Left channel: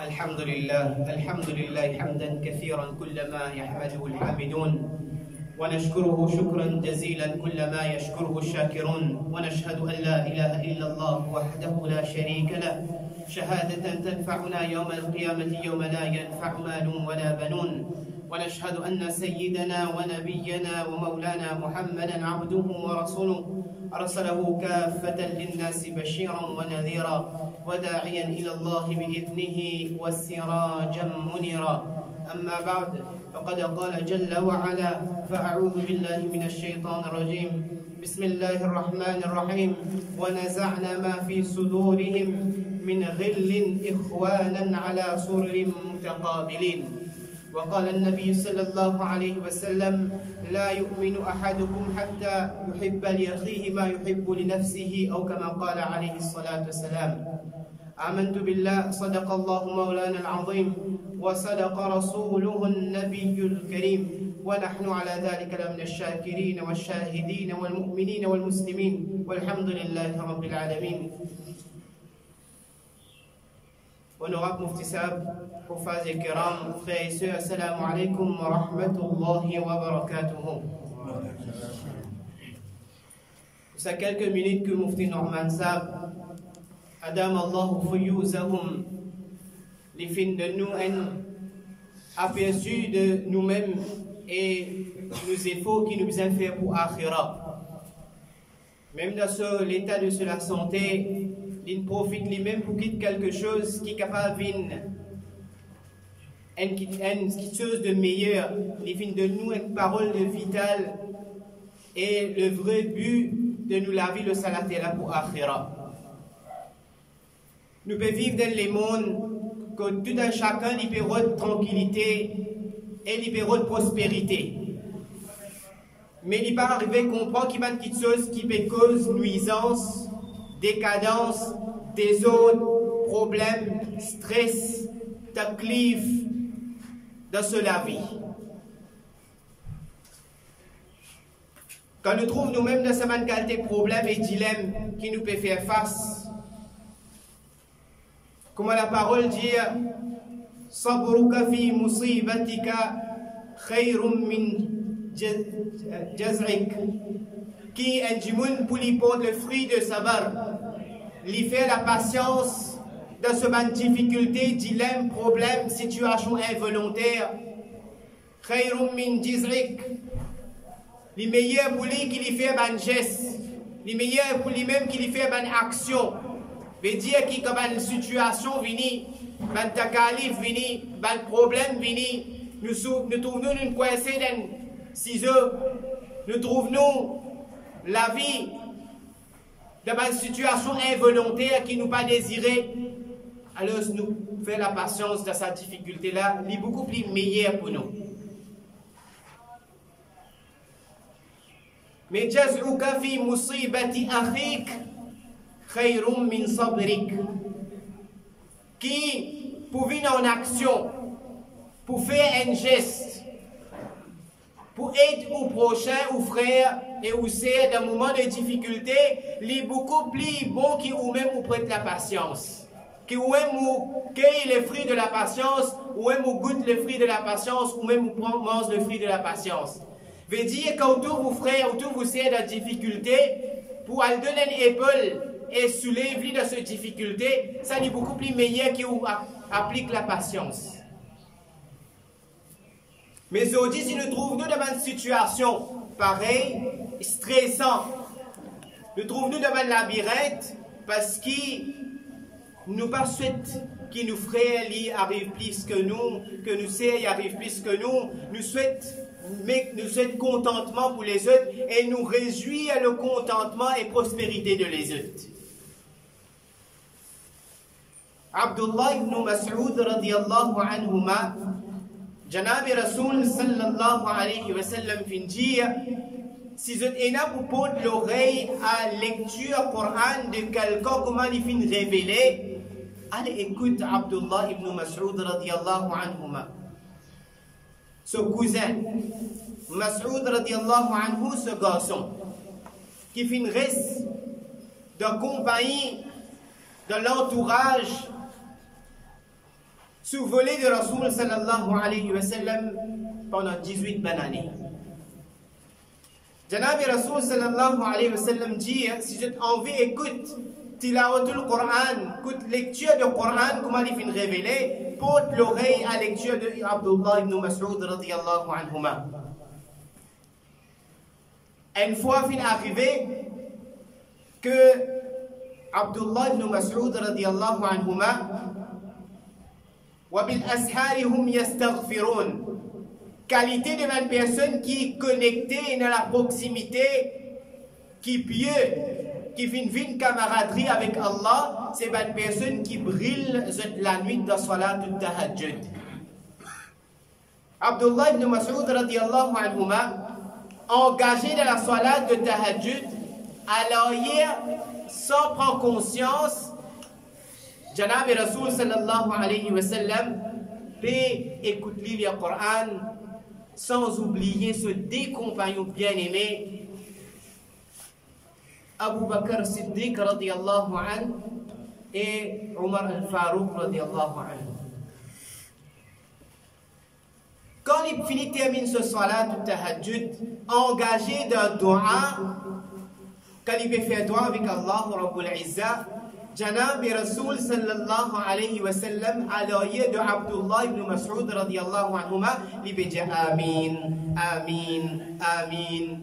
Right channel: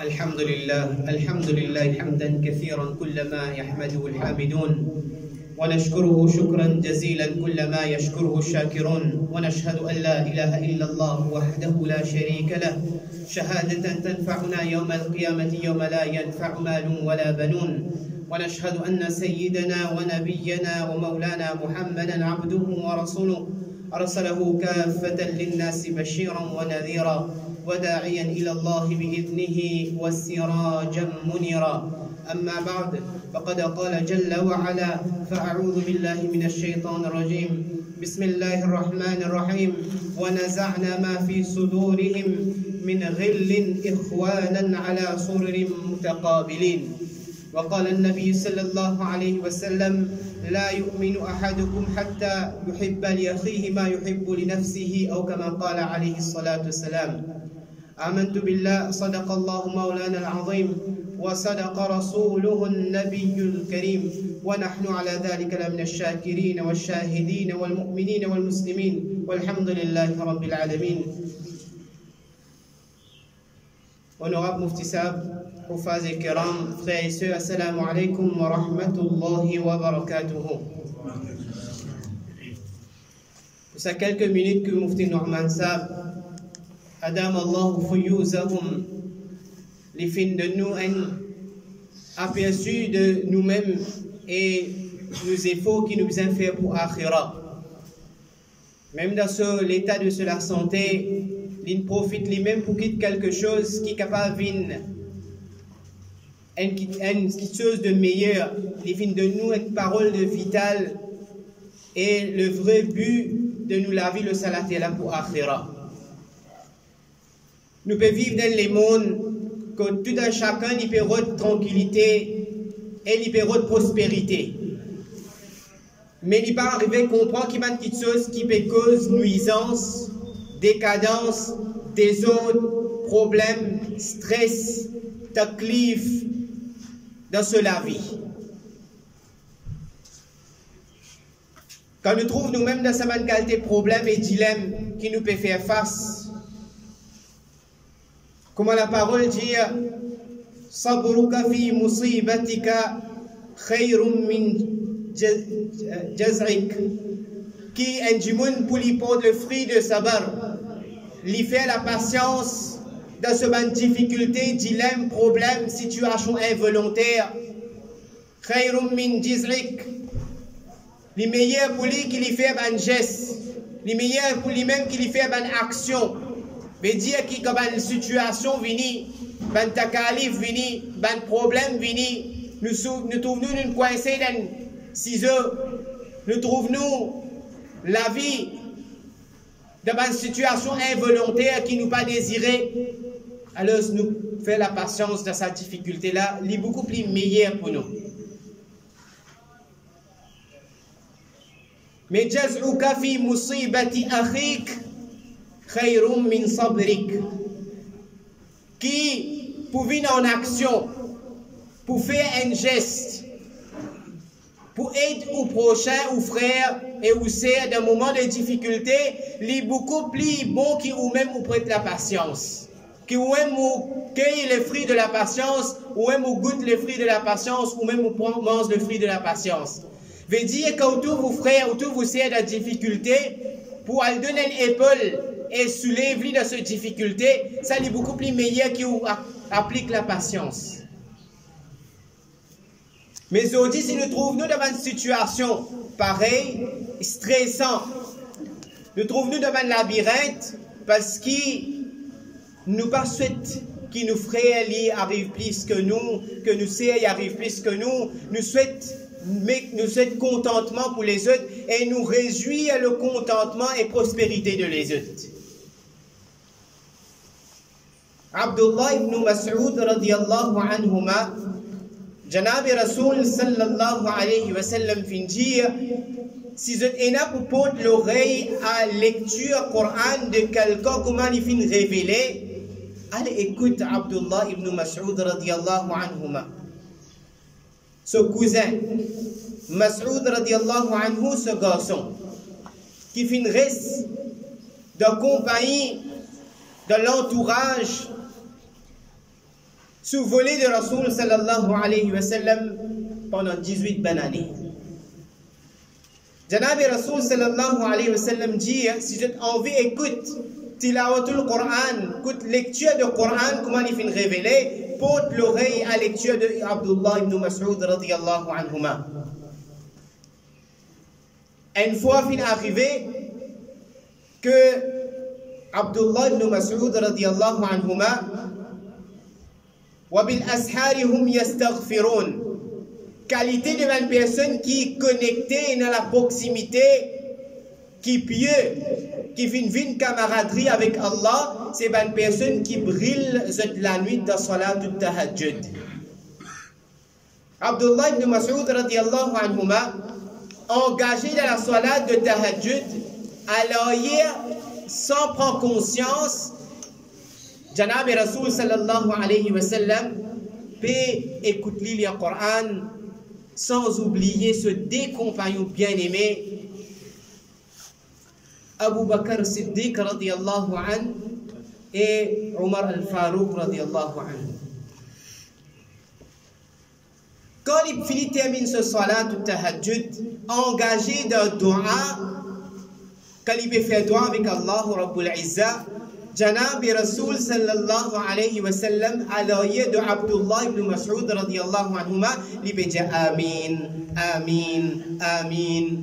الحمد لله حمدا كثيرا كلما يحمده الحامدون ونشكره شكرا جزيلا كلما يشكره الشاكرون ونشهد أن لا إله إلا الله وحده لا شريك له شهادة تنفعنا يوم القيامة يوم لا ينفع مال ولا بنون ونشهد أن سيدنا ونبينا ومولانا محمدا عبده ورسوله أرسله كافة للناس بشيرا ونذيرا وداعيا إلى الله بإذنه وسراجا منيرا أما بعد فقد قال جل وعلا فأعوذ بالله من الشيطان الرجيم بسم الله الرحمن الرحيم ونزعنا ما في صدورهم من غل إخوانا على سرر متقابلين وقال النبي صلى الله عليه وسلم لا يؤمن أحدكم حتى يحب لأخيه ما يحب لنفسه أو كما قال عليه الصلاة والسلام آمنت بالله صدق الله مولانا العظيم وصدق رسوله النبي الكريم ونحن على ذلك لمن الشاكرين والشاهدين والمؤمنين والمسلمين والحمد لله رب العالمين. Honorable Mufti Sahab, Hufaz et Kiram, frères et sœurs, assalamu alaikum wa rahmatullahi wa barakatuhu. Pour ces quelques minutes que Mufti Norman Sahab Adam Allah fuyuzahum, les fins de nous un aperçu de nous-mêmes et nos efforts qui nous ont fait pour Akhira. Même dans l'état de la santé, il profite lui-même pour quitter quelque chose qui est capable de quelque chose de meilleur. Les fins de nous une parole de vitale et le vrai but de nous laver le salat là pour Akhira. Nous pouvons vivre dans les mondes que tout un chacun il peut avoir de tranquillité et il peut avoir de prospérité. Mais il peut arriver à comprendre qu'il y a quelque chose qui peut causer nuisance, décadence, désordre, problème, stress, taklif dans la vie. Quand nous trouvons nous-mêmes dans cette qualité de problème et dilemme qui nous peut faire face, comme la parole dit sabruka fi musibatika khayrun min jaz'ik, qui est du monde pour lui porter le fruit de sabar, lui fait la patience dans ce ban difficulté, dilemme, problème, situation involontaire. Khayrun min jaz'ik, les meilleurs pour lui qui lui fait ban geste, les meilleurs pour lui-même qui lui fait ban action. veut dire que quand une situation vient, un takalif vient, un problème vient, nous trouvons nous coincés dans 6 heures, nous trouvons la vie dans une situation involontaire qui nous pas désirée, alors nous faisons la patience de cette difficulté-là, elle est beaucoup plus meilleure pour nous. Mais jaz'uka fi musibati akhik khayrum min sabrik, qui pour venir en action, pour faire un geste, pour aider au prochain, aux frères et aux sœurs dans un moment de difficulté, il est beaucoup plus bon qui ou même vous prête la patience, qui ou même vous cueille les fruits de la patience, ou même vous goûte les fruits de la patience, ou même vous mange le fruit de la patience. Veut dire qu'autour vos frères, autour vos sœurs de difficulté, pour aller donner une épaule et soulever dans cette difficulté, ça est beaucoup plus meilleur qui applique la patience. Mais aujourd'hui, si nous trouvons dans une situation pareille, stressante, nous trouvons dans un labyrinthe parce qu'il nous pas souhaite que nos frères arrivent plus que nous sœurs arrivent plus que nous souhaite contentement pour les autres et nous réjouir le contentement et prospérité de les autres. Abdullah ibn Mas'ud radiyallahu anhuma, Janabi Rasoul sallallahu alayhi wa sallam fin dire, si vous êtes là pour porter l'oreille à la lecture Coran de quelqu'un comment il fin révélé, allez écoute Abdullah ibn Mas'ud radiyallahu anhuma. Ce cousin, Mas'ud radiallahu anhu, ce garçon, qui fait une reste de compagnie, de l'entourage sous volée de Rasoul sallallahu alayhi wa sallam pendant 18 bonnes années. Janabi Rasoul sallallahu alayhi wa sallam dit, si tu as envie, écoute tilawatul Qur'an, écoute lecture de Qur'an, comment il finit révélé, porte l'oreille à lecture de Abdullah ibn Mas'ud radiyallahu anhuma. Une fois fin arrivé que Abdullah ibn Mas'ud radiyallahu anhuma wa bil ashari hum yastaghfirun, qualité de une personne qui est connectée dans la proximité, qui pieux, qui fait une camaraderie avec Allah, c'est une personne qui brille la nuit dans salat du tahajjud. Abdullah ibn Mas'ud radiyallahu anhuma, engagé dans la salat de tahajjud, alors hier, sans prendre conscience, Janabi Rasoul sallallahu alayhi wa sallam peut écouter le Coran sans oublier ce deux compagnons bien-aimés, Abu Bakr Siddiq radiyallahu anhu et Omar al-Farouq radiyallahu anhu. Quand il finit termine ce salat du tahajjud, engagé dans dua, quand il peut faire dua avec Allah Rabbul Izza, Janabi Rasoul sallallahu alayhi wa sallam à l'oreille de Abdullah ibn Mas'ud radiyallahu anhuma, il peut dire Amin, Amin, Amin.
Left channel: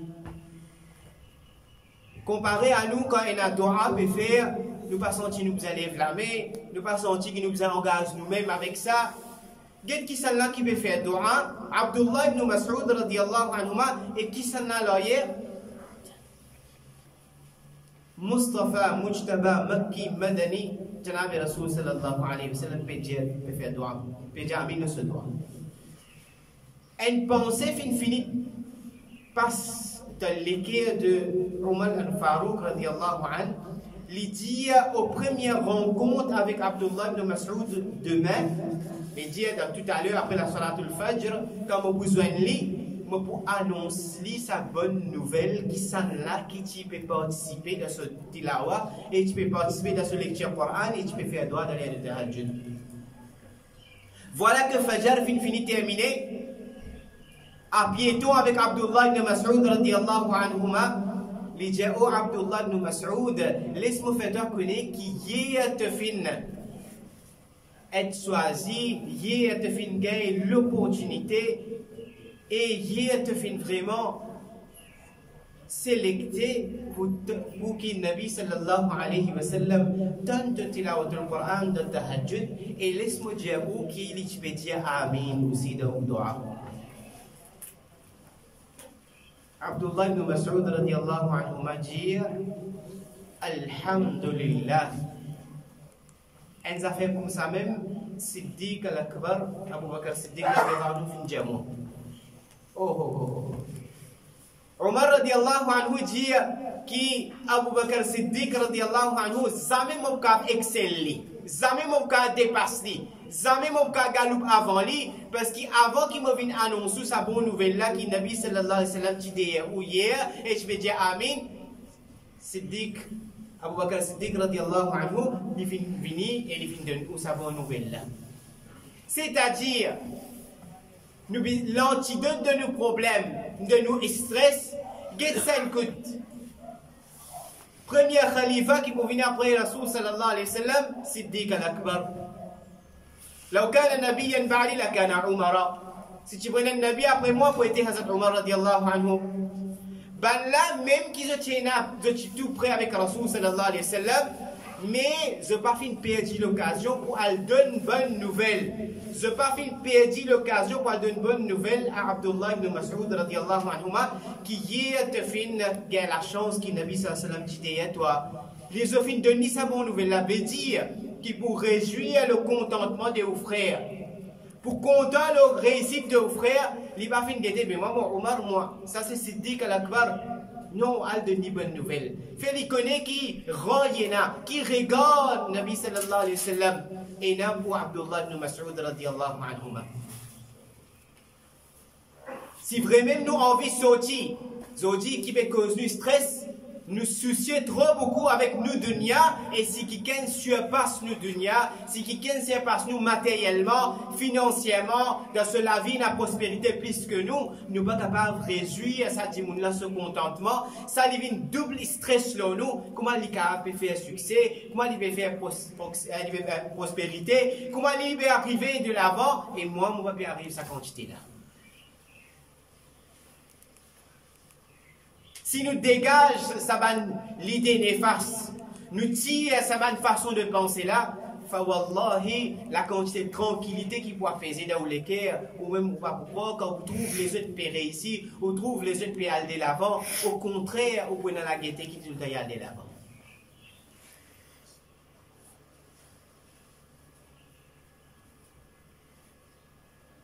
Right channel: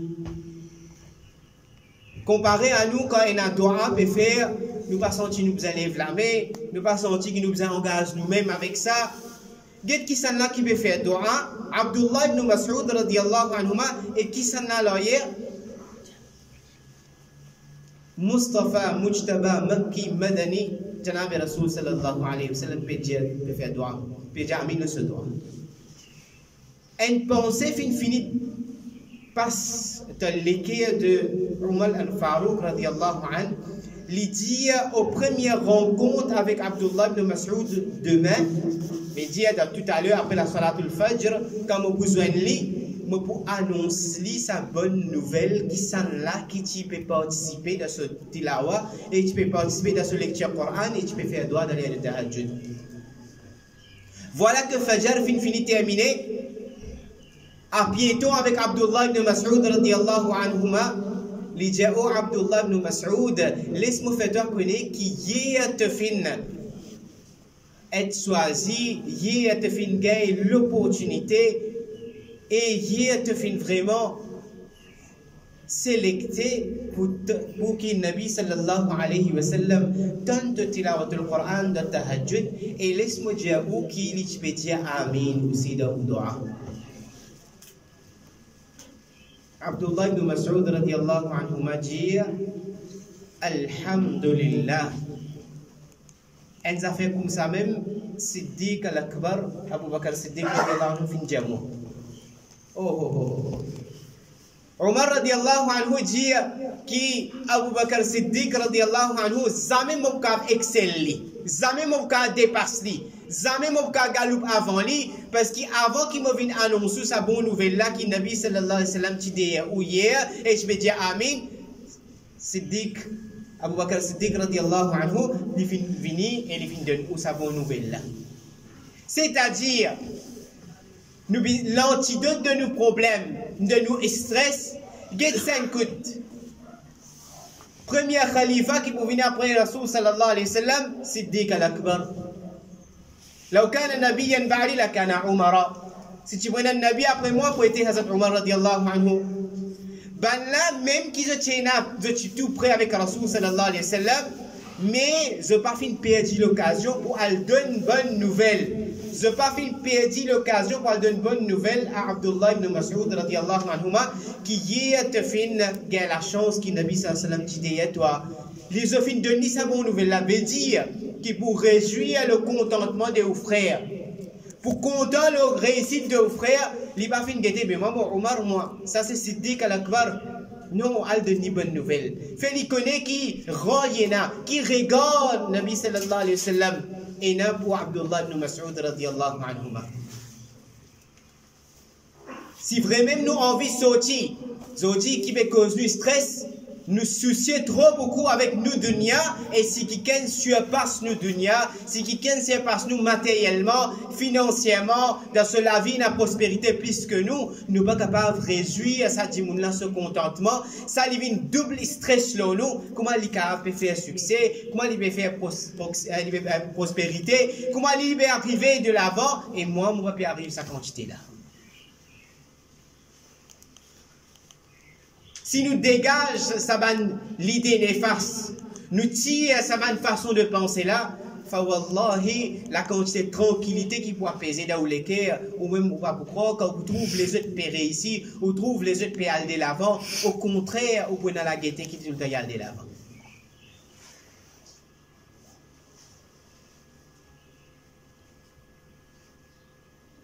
Comparé à nous, quand on a dua peut faire, nous pas senti nous élève la main, nous pas senti que nous engage nous-mêmes avec ça. Qu'est-ce qui s'en là qui peut faire dua? Abdullah ibn Mas'ud radiyallahu anhuma, et qui s'en a l'oreille? Mustafa, Mujtaba, Makki, Madani, Janabi Rasoul sallallahu alayhi wa sallam peut faire dua, peut dire Amin de ce dua. Une pensée finie passe dans l'équerre de Omar al-Farouq radiyallahu anhu, il dit aux premières rencontres avec Abdullah ibn Mas'ud demain, il dit tout à l'heure après la salatul fajr, quand on a besoin de lui, pour annoncer sa bonne nouvelle qui sont là, qui tu peux participer dans ce tilawa, et tu peux participer dans ce lecture Coran, et tu peux faire droit dans les tahajjud. Voilà que Fajr finit terminé, à piéton avec Abdullah ibn Mas'ud radiyallahu anhuma, il dit oh Abdullah ibn Mas'ud, laisse-moi faire toi connaître qui est te fin être choisi, y est te fin gagner l'opportunité, et hier te fin vraiment sélecté pour qu'il Nabi sallallahu alayhi wa sallam tente tilawatul Quran de tahajjud, et laisse-moi dire où qu'il peut dire Amin aussi dans le dua. Abdullah ibn Mas'ud radiyallahu anhu m'a dit Alhamdulillah. Et ça fait comme ça même Siddiq al-Akbar, Abu Bakr Siddiq radiyallahu anhu fin jamu. Omar radiyallahu anhu dit que Abu Bakr Siddiq radiyallahu anhu jamais mon cas excelle, jamais mon cas dépasse, jamais mon cas galoupe avant lui, parce qu'avant qu'il me vienne annoncer sa bonne nouvelle là, qui Nabi sallallahu alayhi wa sallam dit ou hier, et je vais dire Amin, Siddiq, Abu Bakr Siddiq radiyallahu anhu, il finit venir et il finit donner sa bonne nouvelle là. C'est-à-dire, l'antidote de nos problèmes, de nos stress, c'est 5 coups. Premier khalifa qui peut venir après Rasoul sallallahu alayhi wa sallam, Siddiq al-Akbar. لو كان نبيا بعدي لكان عمر. Si tu prenais un nabi après moi, pour être Hazrat Omar radiallahu anhu. Ben là, même qui je suis tout prêt avec Rasoul sallallahu alayhi wa sallam, mais je n'ai pas fait perdre l'occasion pour aller donner une bonne nouvelle. Je n'ai pas fait perdre l'occasion pour aller donner une bonne nouvelle à Abdullah ibn Mas'ud radiallahu anhuma, qui hier te fait la chance qui Nabi sallallahu alayhi wa sallam dit toi. Les ont fait donner sa bonne nouvelle, la veut dire qui pour réjouir le contentement de vos frères. Pour content le réussite de vos frères, il va faire une mais moi, Omar, moi, ça c'est Siddiq al-Akbar. Non, elle donne une bonne nouvelle. Fait il connaît qui rayena, qui regarde Nabi sallallahu alayhi wa sallam, et non pour Abdullah ibn Mas'ud radiyallahu anhuma. Si vraiment nous envie de sortir, qui peut causer du stress, nous soucier trop beaucoup avec nous dunya, et si quelqu'un surpasse nous dunya, si quelqu'un surpasse nous matériellement, financièrement, dans la vie, la prospérité plus que nous, nous pas capables de réjouir ça dit là ce contentement, ça lui une double stress là nous, comment il peut faire succès, comment il peut faire prospérité, comment il peut arriver de l'avant, et moi je vais pas arriver à cette quantité là. Si nous dégageons l'idée néfaste, nous tirons sa façon de penser là, wallahi, la quantité de tranquillité qui peut apaiser dans les cœurs, ou même pas pourquoi, quand vous trouvez les autres pérés ici, ou trouvez les autres pérés aller de l'avant, au contraire, vous pouvez dans la gaieté qui dit aller de l'avant.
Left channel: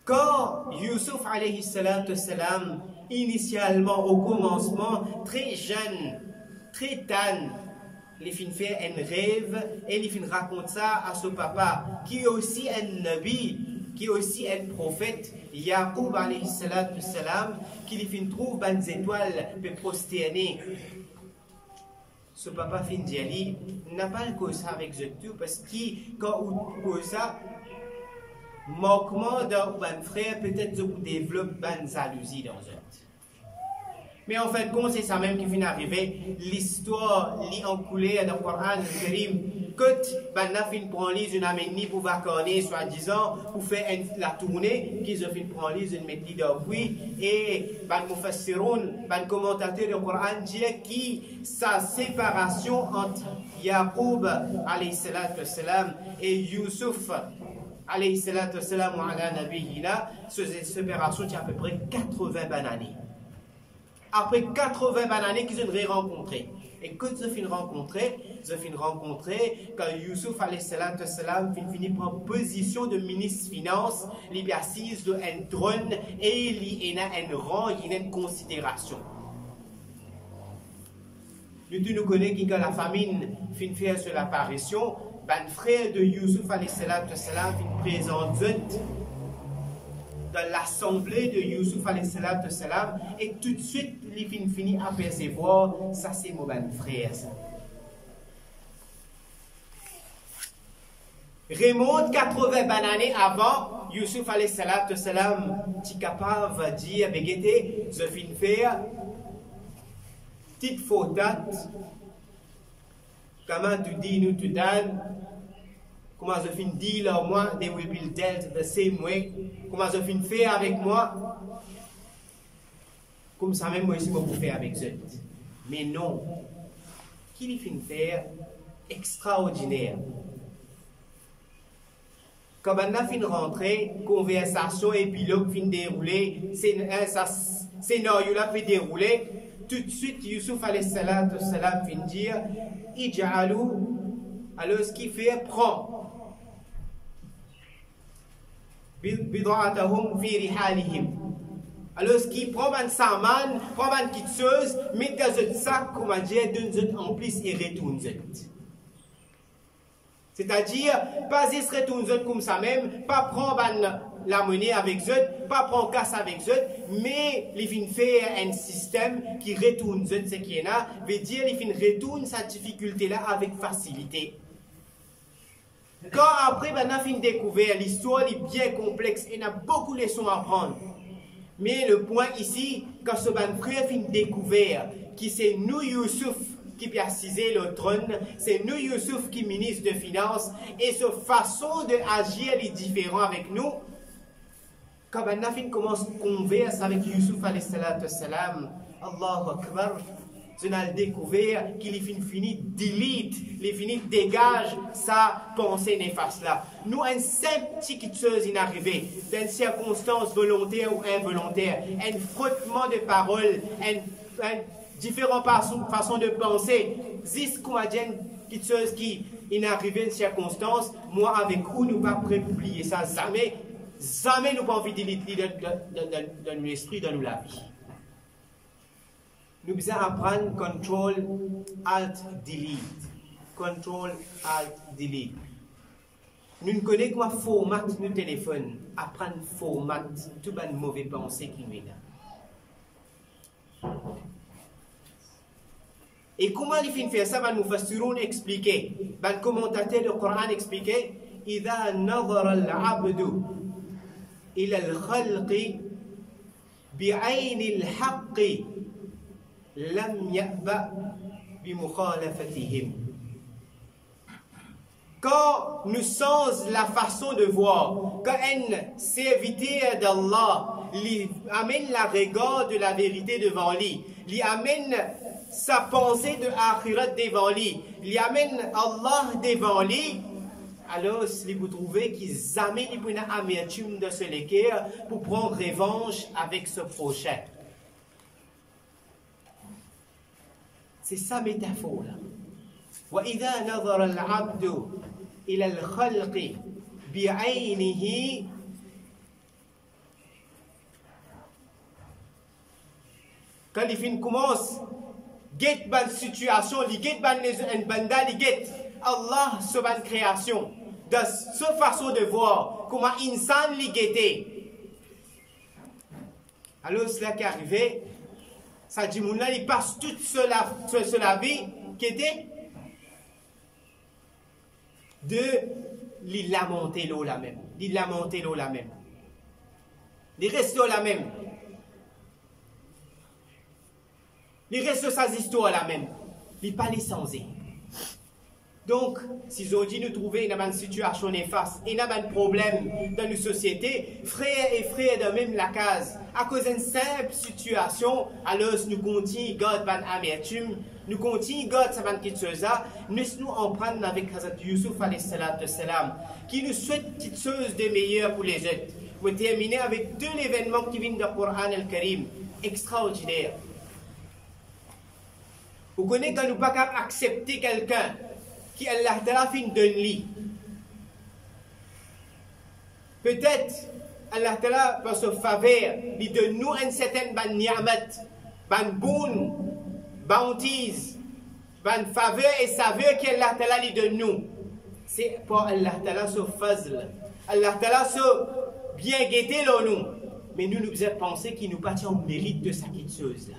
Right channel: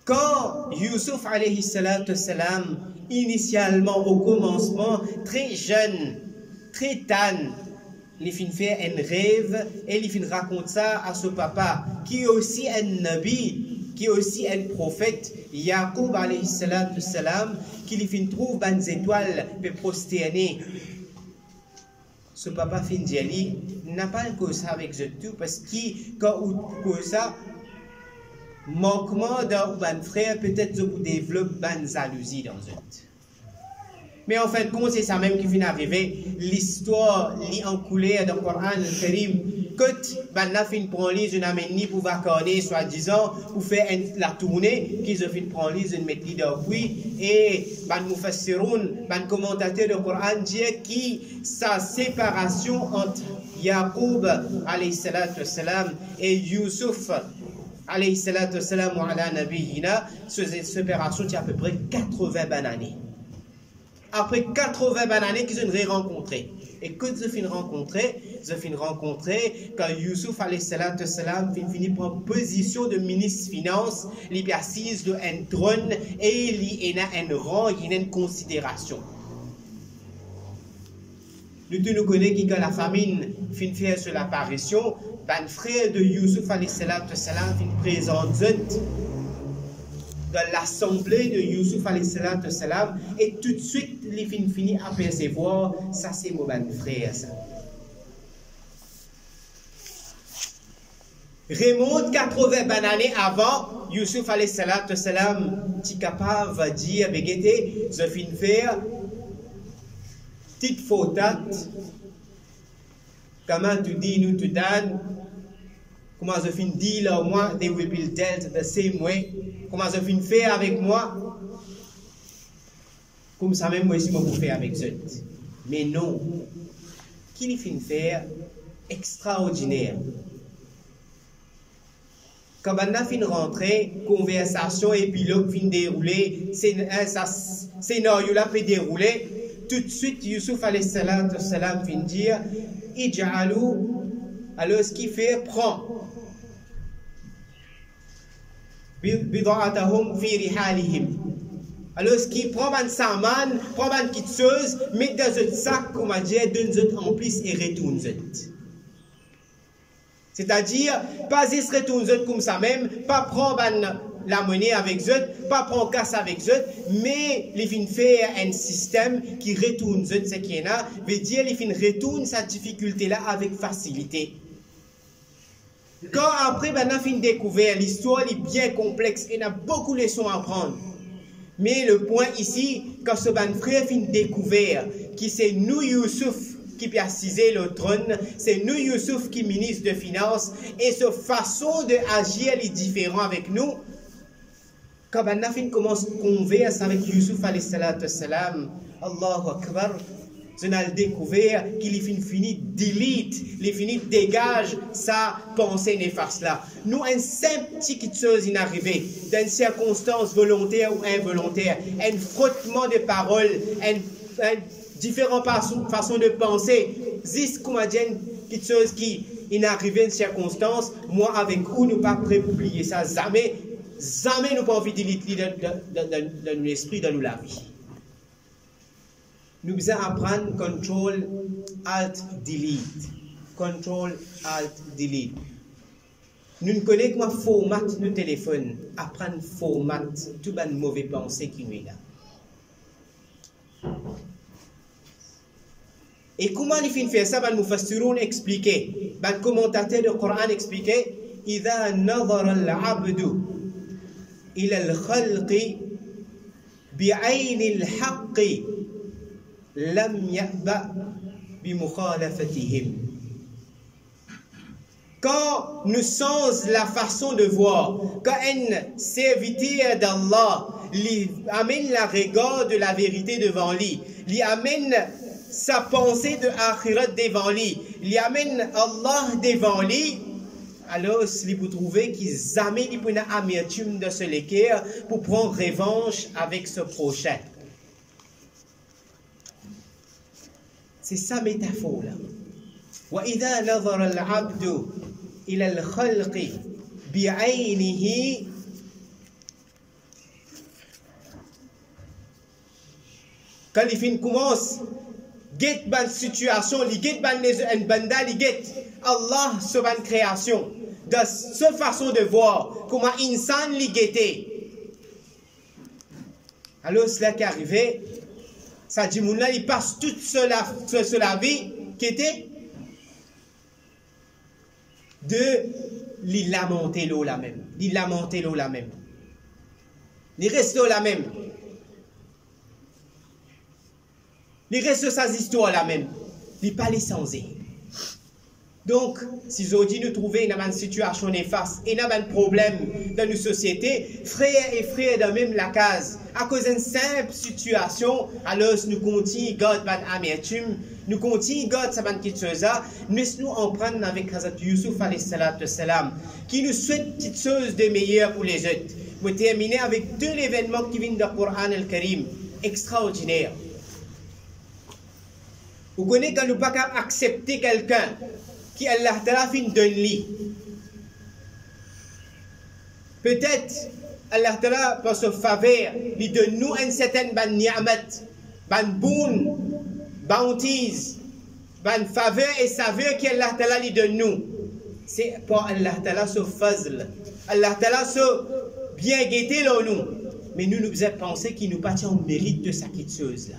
Quand Yusuf alayhi salatu salam, initialement au commencement, très jeune, très tane, il fin faire un rêve et il fin raconte ça à son papa, qui est aussi un nabi, qui est aussi un prophète, Yaqub alayhi salatu salam, qui il fin trouve des étoiles pour prosterner. Ce papa fin dit, n'a pas le cause avec je tout, parce que quand on cause ça, manquement d'un frère, peut-être que vous développez une jalousie dans eux. Mais en fait, c'est ça même qui vient arriver. L'histoire lit en coulée dans le Coran Karim. Quand la fin prend lise une amène pour vacances, soi-disant, pour faire la tournée, qu'ils ont fin prend lise une méthode d'appui, et ban mufassiroun, ban commentateur du Coran dit que sa séparation entre Yaqub alayhi salatu wassalam et Yusuf alayhi salatu wassalam wa ala nabiyina, cette séparation qui a à peu près 80 années. Après 80 années qu'ils ont rencontré. Et quand ils ont rencontré, quand Yusuf alayhi salatu wassalam finit prendre position de ministre finance, il est assis sur un trône et il a un rang, il a une considération. Nous connaissons que quand la famine finit faire sur l'apparition, ben frère de Yusuf alayhi salatu wassalam finit présenter dans l'assemblée de Yusuf alayhi salatu wassalam, et tout de suite il finit à percevoir ça c'est mon frère ça. Remonte 80 années avant, Yusuf alayhi salatu wassalam est capable de dire begete je finis faire petite faute, comment tu dis nous tu donnes. Comment je finis dire là au moins, they will be dealt the same way. Comment je finis faire avec moi? Comme ça même moi ici, moi pour faire avec eux. Mais non. Qui les finit faire? Extraordinaire. Quand on a fini rentrer, conversation, épilogue fin dérouler, scénario là peut dérouler. Tout de suite, Yusuf alayhi salatu wassalam fin dire, Ij'alu, alors ce qu'il fait, prend. Bid'atahum fi rihalihim. Alors ce qui prend un saman, prend une petite chose, met dans un sac, comme on dit, donne en plus et retourne. C'est-à-dire, pas se retourne comme ça même, pas prendre la monnaie avec eux, pas prendre casse avec eux, mais il vient faire un système qui retourne ce qui est là, veut dire il vient retourne cette difficulté-là avec facilité. Quand après, on a fini de découvrir, l'histoire est bien complexe et on a beaucoup de leçons à apprendre. Mais le point ici, quand ce frère finit de découvrir qui c'est nous Yusuf qui peut assiser le trône, c'est nous Yusuf qui ministre de finances, et sa façon d'agir est différente avec nous. Quand on a fini commence à converser avec Yusuf alayhi salatu wassalam, Allahu Akbar, je n'ai découvert qu'il finit delete, il finit dégage sa pensée néfaste là. Nous, un simple petite chose est arrivé, d'une circonstance volontaire ou involontaire, un frottement de paroles, un différentes façons de penser, juste comme une petite chose qui est arrivée, une circonstance, moi avec vous, nous pas prêts pour oublier ça, jamais, jamais nous pas envie de delete dans l'esprit, dans la vie. Nous devons apprendre Control, Alt, Delete. Control, Alt, Delete. Nous ne connaissons pas format de téléphone. Apprendre format, tout les mauvais pensées qui nous est là. Et comment il fait faire ça? Ben, Mufassiroun expliqué, ben, commentateur du Coran expliqué, إذا نظر العبد إلى الخلق بعين الحق لم يأبأ بمخالفتهم. Quand nous sommes la façon de voir, quand un serviteur d'Allah lui amène la regard de la vérité devant lui, lui amène sa pensée de akhirat devant lui, lui amène Allah devant lui, alors si vous trouvez qu'ils amènent une amertume de ce l'équerre pour prendre revanche avec ce prochain. C'est ça métaphore là. وإذا نظر العبد إلى الخلق بعينه quand il commence get ban situation, li get ban les banda li get Allah sur ban création de cette façon de voir comment insan li guetté. Alors cela qui arrivait, ça dit mon là il passe toute cela vie qui était de li lamenter l'eau la même, li lamenter l'eau la même, li reste la même. Les restes de sa histoire là même, il pas les sans. Donc, si aujourd'hui nous trouvons une situation néfaste et un problème dans nos sociétés, frères et frères de même la case, à cause d'une simple situation, alors nous continuons God ban amertume, nous continuons God saban kitsoza, nous en prendre avec Hazrat Yusuf alayhi salatu salam, qui nous souhaite quelque chose de meilleur pour les autres. Je vais terminer avec deux événements qui viennent du Coran al-Karim, extraordinaires. Vous connaissez quand nous ne pouvons pas accepter quelqu'un qui Allah Ta'ala fin donne lui. Peut-être Allah Ta'ala par sa faveur lui donne nous une certaine ban ni'amat, ban boon, bounties, ban faveur et saveur qu'Allah Ta'ala lui donne nous. C'est pour Allah Ta'ala ce fazl. Allah Ta'ala ce bien guetté là nous. Mais nous nous avons pensé qu'il nous partit en mérite de sa chose là.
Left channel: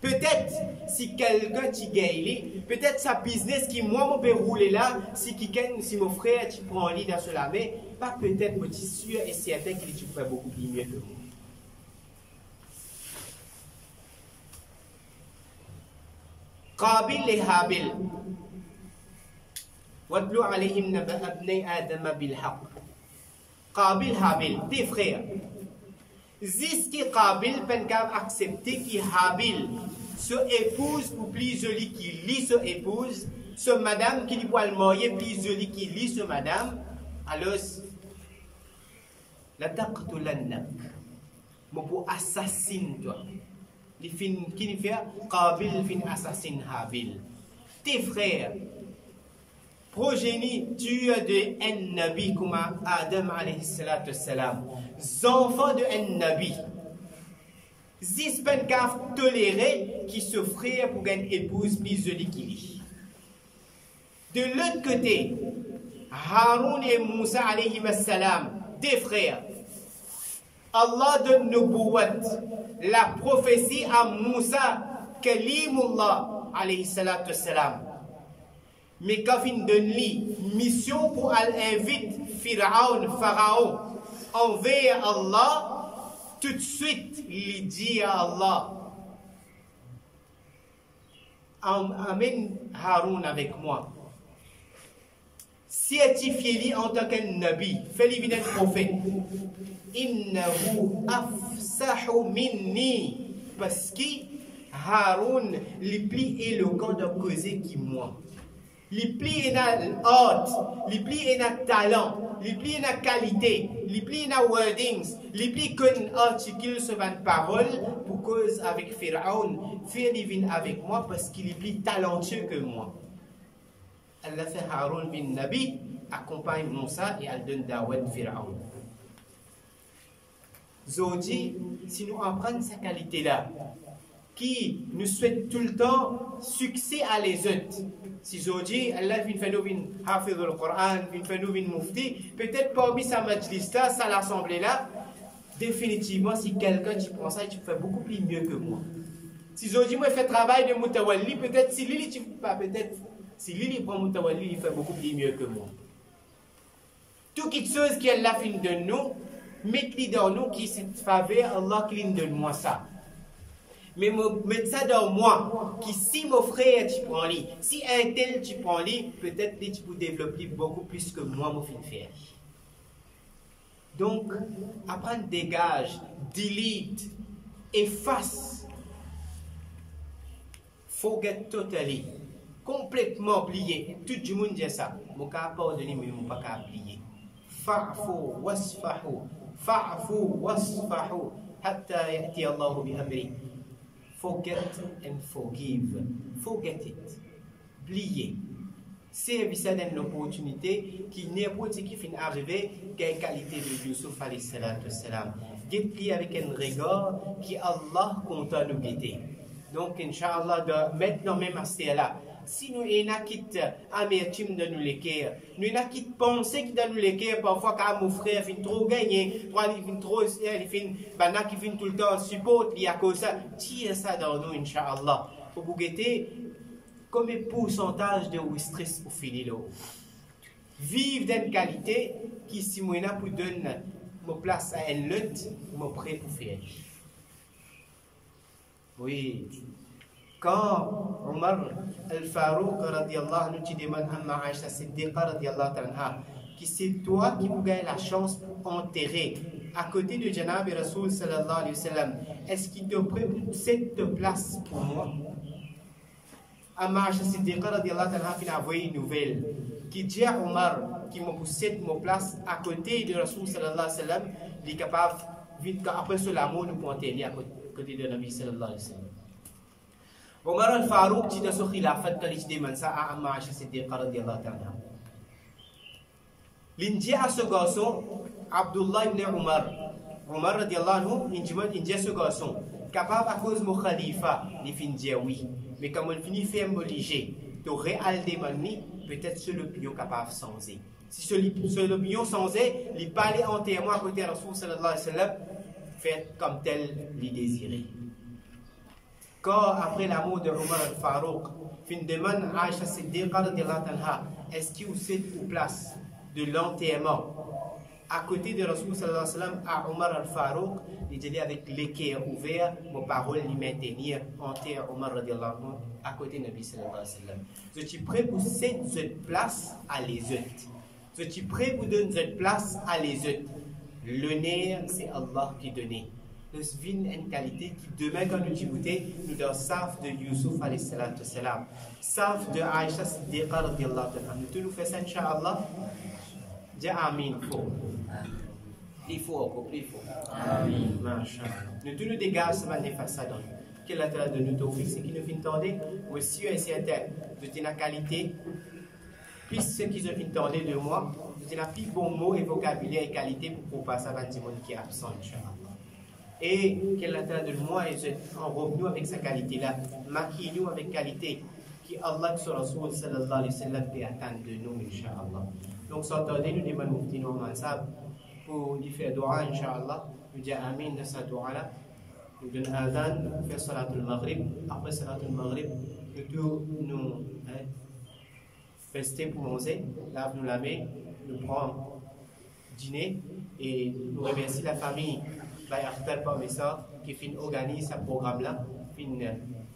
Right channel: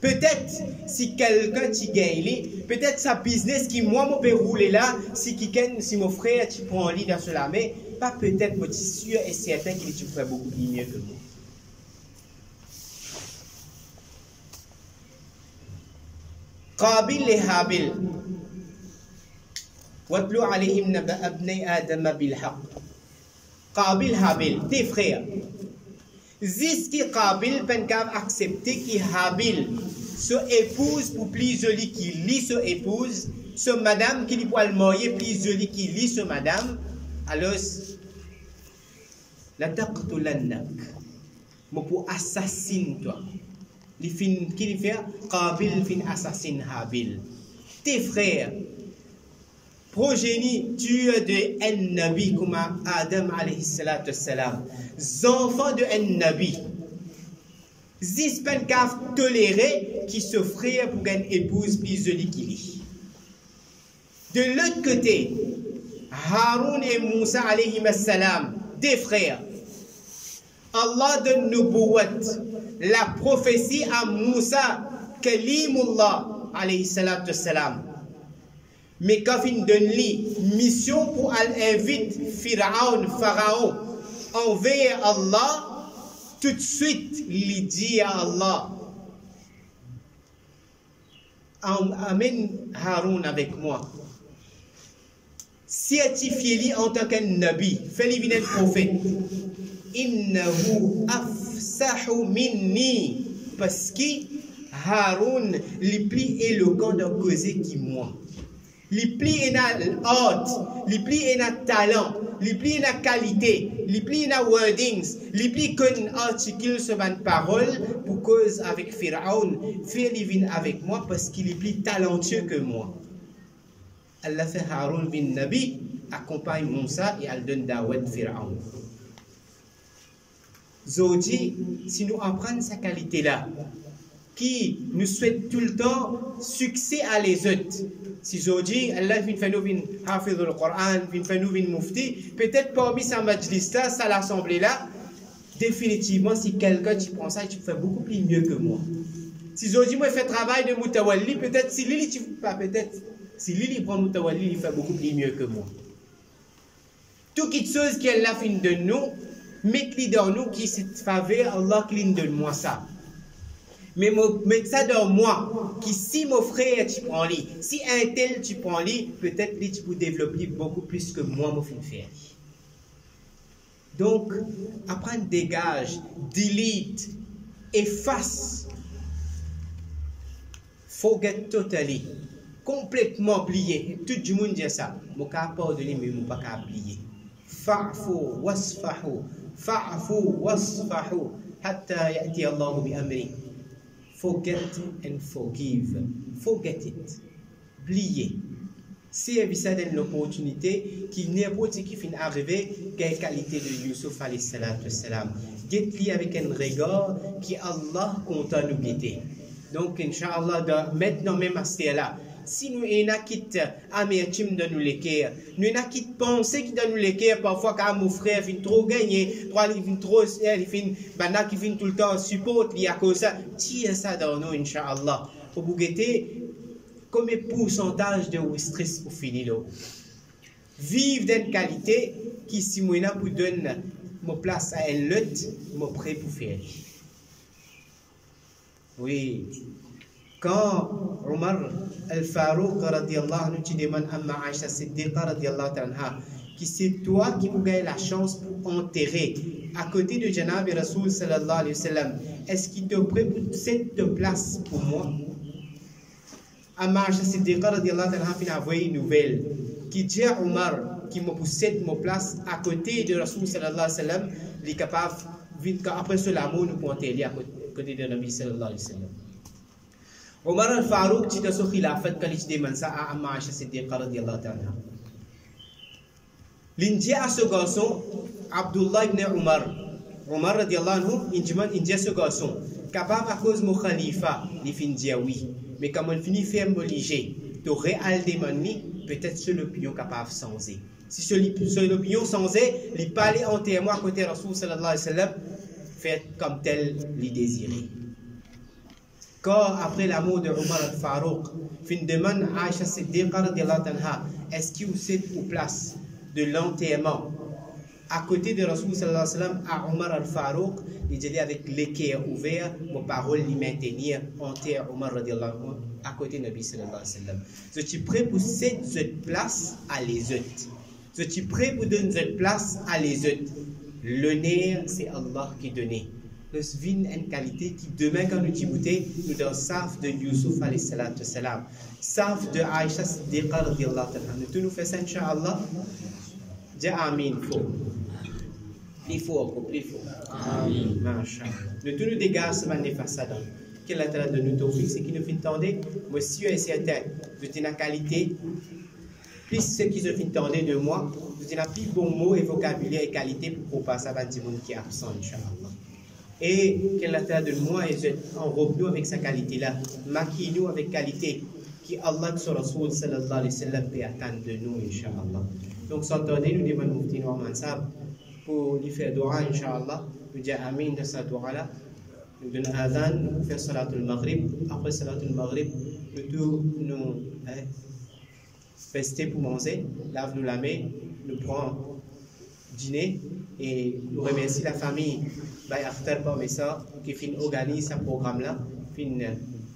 Peut-être si quelqu'un t'y gagne, peut-être sa business qui moi me peut rouler là, si mon frère tu prend lit dans cela, mais pas peut-être, mais je suis sûr et certain qu'il tu ferait beaucoup mieux que moi. Qabil et Habil. Watlu alayhim naba abnay Adam bil haqq. Qabil Habil, tes frères. Ziski Qabil penkab accepter qui Habil se épouse pour plus joli qui lit se épouse, ce madame qui lui peut le marier plus joli qui lit ce madame, alors la taqtulannak, mo pour assassine toi. Li fin qui li fait Qabil fin assassine Habil. Tes frères progéniture de un nabi comme Adam alayhi salatu salam, enfants de un nabi, zispen kaf toléré qui s'offrait pour une épouse plus jolie qu'il lit. De l'autre côté, Haroun et Moussa alayhi salam, des frères, Allah donne nubuwat, la prophétie à Moussa, Kalimullah alayhi salatu salam. Mais quand il donne lui mission pour inviter Pharaon envers Allah, tout de suite il dit à Allah, amène Haroun avec moi. Certifiez-lui en tant qu'un nabi, fais-lui venir un prophète. Innahu afsahu minni, parce que Haroun est plus éloquent de causer que moi. Les plis et la art, les plis et la talent, les plis et la qualité, les plis et la wordings, les plis qu'un article sur une parole pour cause avec Pharaon, fait vient avec moi parce qu'il est plus talentueux que moi. Allah fait Haroun bin Nabi, accompagne Moussa et elle donne Dawad Pharaon. Zodi, si nous apprenons sa qualité-là, qui nous souhaite tout le temps succès à les autres. Si aujourd'hui, Allah vient faire nous hafiz le Coran, vient faire nous mufti, peut-être parmi sa majlis là, sa l'assemblée là, définitivement, si quelqu'un tu prends ça, tu fais beaucoup plus mieux que moi. Si aujourd'hui, moi, je fais travail de Moutawalli, peut-être si Lili, si Lili prend Moutawalli, il fait beaucoup plus mieux que moi. Tout quelque chose qu'elle a fait de nous, mettez dans nous qui se faveur, Allah qui donne-moi ça. Mais mettre ça dans moi, qui si mon frère tu prends lui, si un tel tu prends lui, peut-être lui tu peux développer beaucoup plus que moi, mon film faire. Donc, apprendre dégage, delete, efface, forget totally, complètement oublié. Tout le monde dit ça. Je ne peux pas pardonner, mais je ne peux pas oublier. Fa'fu wasfahu, fa'fu wasfahu, hatta ya'ti Allahu bi amri. Forget and forgive. Forget it. Oubliez. C'est ça donne l'opportunité qu'il n'importe qui finit arriver quelle qualité de Yusuf alayhi salatu wassalam. Guette-lui avec un regard qui Allah compte nous guetter. Donc, Inch'Allah, maintenant même à ce là. Si nous avons quitté amertume de nous l'équerre, nous avons quitté penser qui donne nous l'équerre parfois quand mon frère vient trop gagner, il vient trop, il vient tout le temps support, il y a cause ça, tire ça dans nous, Inch'Allah. Pour vous guetter, comme un pourcentage de stress pour finir. Vivre d'une qualité qui, si moi, pour donner ma place à un lot, je suis prêt pour faire. Oui. Quand Omar al-Farouq radiyallahu anhu demande à Aïcha Siddiqa radiyallahu anha qui c'est toi qui vous gagne la chance pour enterrer à côté de Janab et Rasoul sallallahu alayhi wa sallam, est-ce qu'il te prêt pour cette place pour moi? Aïcha Siddiqa radiyallahu anha a envoyé une nouvelle qui dit à Omar qui me possède ma place à côté de Rasoul sallallahu alayhi wa sallam, il est capable après cela nous pour enterrer à côté de Nabi sallallahu alayhi wa sallam. Omar al-Farouq dit dans son khilafat quand il demande ça à Amma Aïcha Siddiqa radiyallahu anha. L'india à ce garçon, Abdullah ibn Omar radiyallahu anhu, il dit à ce garçon, capable à cause de mon khalifa, il finit dire oui. Mais comme on finit fait m'obliger, tu réal demande, peut-être seul l'opinion capable changer. Si seul l'opinion changer, il parle entièrement à côté de Rasoul sallallahu alayhi wa sallam, fait comme tel il désiré. Quand après la mort de Omar al-Farouq, fin demande à Aïcha Siddiqa radiyallahu anha, est-ce qu'il vous êtes aux place de l'enterrement à côté de Rasoul sallallahu alayhi wa sallam à Omar al-Farouq, il dit avec l'équerre ouvert, mon parole lui maintenir enterre Omar radiyallahu anhu à côté de Nabi sallallahu alayhi wa sallam. Je suis prêt pour cette place à les autres. Je suis prêt pour donner cette place à les autres. L'honneur, c'est Allah qui donne. Nous vîmes une qualité qui demain quand nous débutons, nous dans saf de Yusuf alayhi salatu salam, saf de Aïcha Siddiqa radiyallahu anha. Nous tous nous faisons ça Inch'Allah. Dis Amin. Il faut encore plus fort. Amin. Masha'Allah. Nous tous nous dégâts ce matin face à nous. Quel est de nous tawfiq, c'est qui nous fait entendre. Monsieur est certain de la qualité. Plus ce qui se fait entendre de moi, je n'ai plus bon mot et vocabulaire et qualité pour passer à un monde qui est absent Inch'Allah. Et qu'elle a de moi et enrobe-nous avec sa qualité-là, maquille-nous avec qualité, qui Allah sur Rasoul sallallahu alayhi wa sallam peut attendre de nous, Inch'Allah. Donc, s'entendez, nous demandons Moufti Noor Mansab pour lui faire dua, Inch'Allah. Nous disons Amin de sa dua-là. Nous donnons Adhan, nous faisons Salatul Maghrib. Après Salatul Maghrib, nous rester pour manger, lave-nous la main, nous prenons dîner et nous remercions la famille. Qui fin organise ce programme-là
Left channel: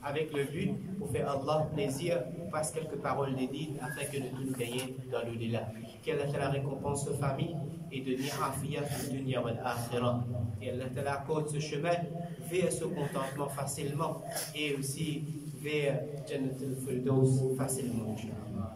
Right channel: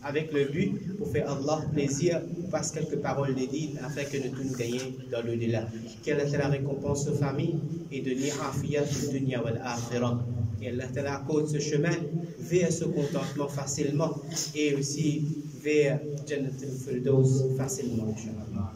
avec le but pour faire Allah plaisir, passe quelques paroles dédiées afin que nous tous nous gagnions dans l'au-delà. Quelle est la récompense aux familles et de afiyat pour dunya wal akhirah. Et Allah Ta'ala accorde ce chemin vers ce contentement facilement et aussi vers Jannat al-Firdaus facilement, Inch'Allah.